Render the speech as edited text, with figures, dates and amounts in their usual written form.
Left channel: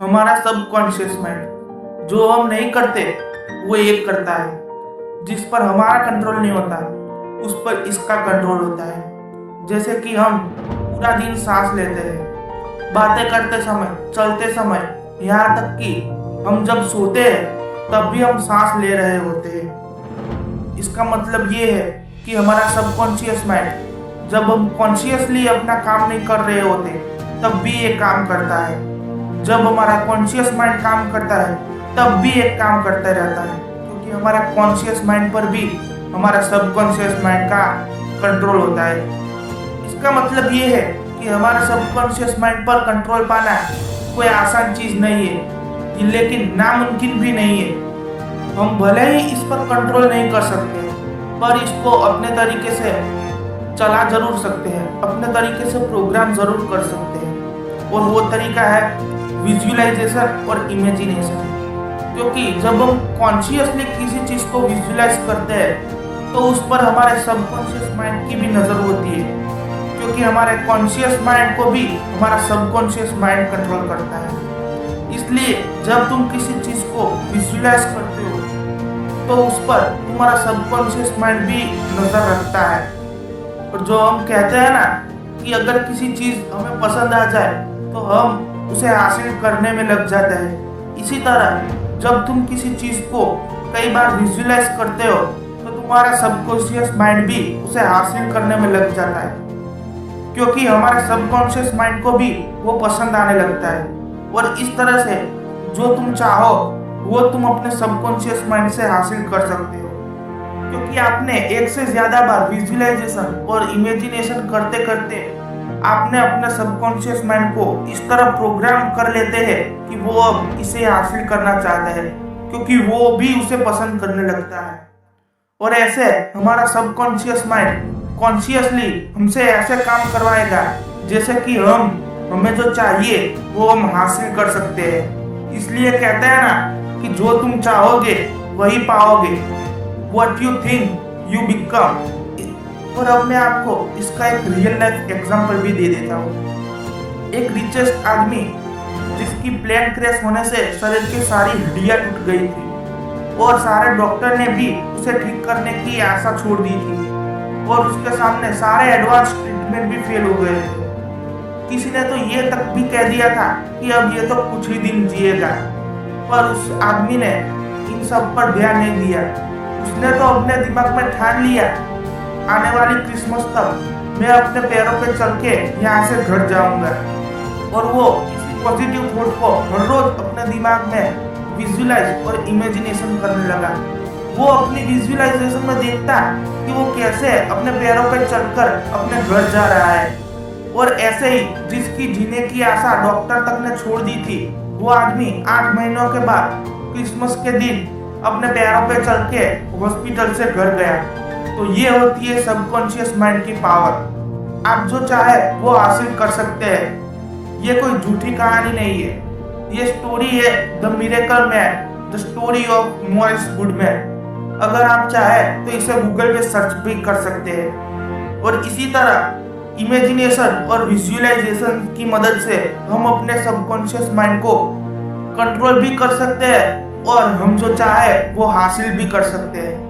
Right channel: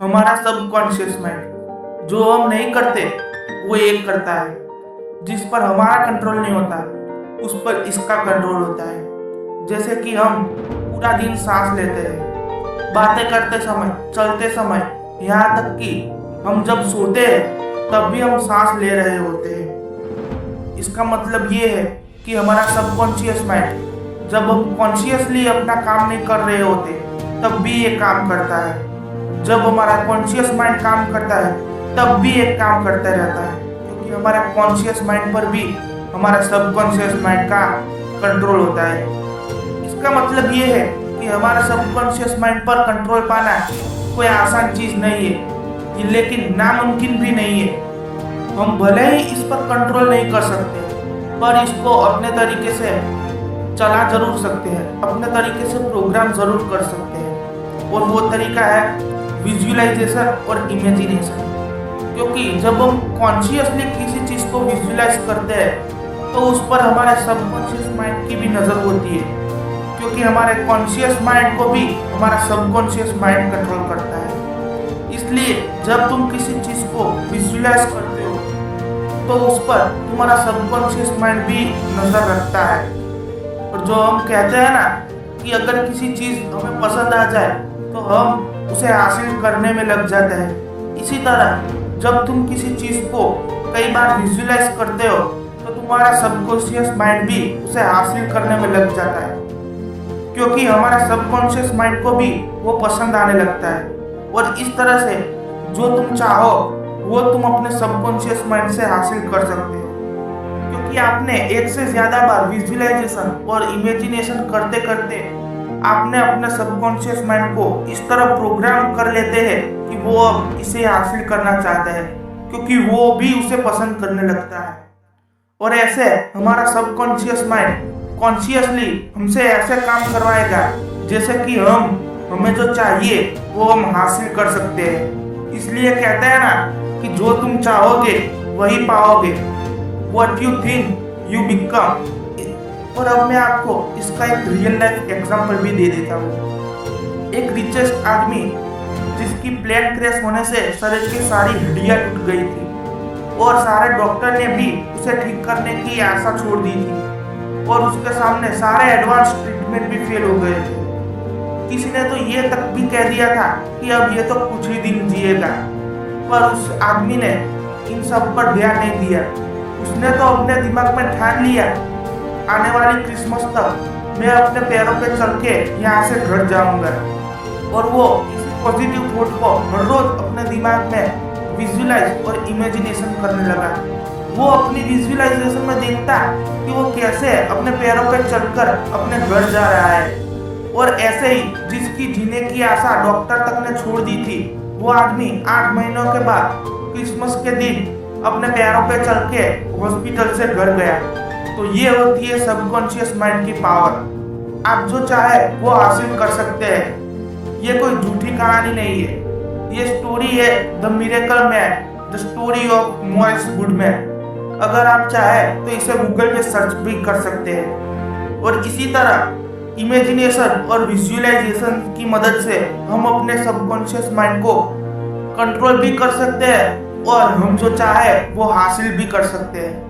हमारा subconscious mind जो हम नहीं करते वो एक करता है। जिस पर हमारा कंट्रोल नहीं होता उस पर इसका कंट्रोल होता है। जैसे कि हम पूरा दिन सांस लेते हैं, बातें करते समय, चलते समय, यहाँ तक कि हम जब सोते हैं तब भी हम सांस ले रहे होते हैं। इसका मतलब ये है कि हमारा सबकॉन्शियस माइंड जब हम कॉन्शियसली अपना काम नहीं कर रहे होते तब भी ये काम करता है। जब हमारा कॉन्शियस माइंड काम करता है तब भी एक काम करता रहता है, क्योंकि हमारे कॉन्शियस माइंड पर भी हमारा सबकॉन्शियस माइंड का कंट्रोल होता है। इसका मतलब ये है कि हमारे सबकॉन्शियस माइंड पर कंट्रोल पाना कोई आसान चीज़ नहीं है, लेकिन नामुमकिन भी नहीं है। हम भले ही इस पर कंट्रोल नहीं कर सकते पर इसको अपने तरीके से चला जरूर सकते हैं, अपने तरीके से प्रोग्राम जरूर कर सकते हैं। और वो तरीका है विजुअलाइजेशन और इमेजिनेशन। क्योंकि जब हम कॉन्शियसली किसी चीज़ को विजुअलाइज करते हैं तो उस पर हमारे सबकॉन्शियस माइंड की भी नज़र होती है, क्योंकि हमारे कॉन्शियस माइंड को भी हमारा सबकॉन्शियस माइंड कंट्रोल करता है। इसलिए जब तुम किसी चीज़ को विजुअलाइज करते हो तो उस पर तुम्हारा सबकॉन्शियस माइंड भी नज़र रखता है। और जो हम कहते हैं ना कि अगर किसी चीज़ हमें पसंद आ जाए तो हम उसे हासिल करने में लग जाते हैं। इसी तरह जब तुम किसी चीज़ को कई बार विजुअलाइज करते हो तो तुम्हारा सबकॉन्शियस माइंड भी उसे हासिल करने में लग जाता है, क्योंकि हमारा सबकॉन्शियस माइंड को भी वो पसंद आने लगता है। और इस तरह से जो तुम चाहो वो तुम अपने सबकॉन्शियस माइंड से हासिल कर सकते हो, क्योंकि आपने एक से ज़्यादा बार विजुअलाइजेशन और इमेजिनेशन करते करते आपने अपने सबकॉन्शियस माइंड को इस तरह प्रोग्राम कर लेते हैं कि वो अब इसे हासिल करना चाहता है, क्योंकि वो भी उसे पसंद करने लगता है। और ऐसे हमारा सबकॉन्शियस माइंड कॉन्शियसली हमसे ऐसे काम करवाएगा जैसे कि हमें जो चाहिए वो हम हासिल कर सकते हैं। इसलिए कहते हैं ना कि जो तुम चाहोगे वही पाओगे। What you think you become। और अब मैं आपको इसका एक रियल लाइफ एग्जांपल भी दे देता हूँ। एक रिचेस्ट आदमी जिसकी प्लेन क्रैश होने से शरीर की सारी हड्डियाँ टूट गई थी और सारे डॉक्टर ने भी उसे ठीक करने की आशा छोड़ दी थी, और उसके सामने सारे एडवांस ट्रीटमेंट भी फेल हो गए थे। किसी ने तो ये तक भी कह दिया था कि अब ये तो कुछ ही दिन जिएगा, पर उस आदमी ने इन सब पर ध्यान नहीं दिया। उसने तो अपने दिमाग में ठान लिया आने वाली क्रिसमस तक मैं अपने पैरों पे चल के यहाँ से घर जाऊंगा। और वो इसी पॉजिटिव थॉट को हर रोज अपने दिमाग में विजुअलाइज और इमेजिनेशन करने लगा। वो अपनी विजुअलाइजेशन में देखता कि वो कैसे अपने पैरों पे चलकर अपने घर जा रहा है। और ऐसे ही जिसकी जीने की आशा डॉक्टर तक ने छोड़ दी थी, वो आदमी 8 महीनों के बाद क्रिसमस के दिन अपने पैरों पे चल के हॉस्पिटल से घर गया। तो ये होती है सबकॉन्शियस माइंड की पावर। आप जो चाहे वो हासिल कर सकते हैं। ये कोई झूठी कहानी नहीं है, ये स्टोरी है the miracle man, the story of Morris Goodman. अगर आप चाहे तो इसे गूगल पे सर्च भी कर सकते हैं। और इसी तरह इमेजिनेशन और विजुअलाइजेशन की मदद से हम अपने सबकॉन्शियस माइंड को कंट्रोल भी कर सकते हैं और हम जो चाहे वो हासिल भी कर सकते हैं।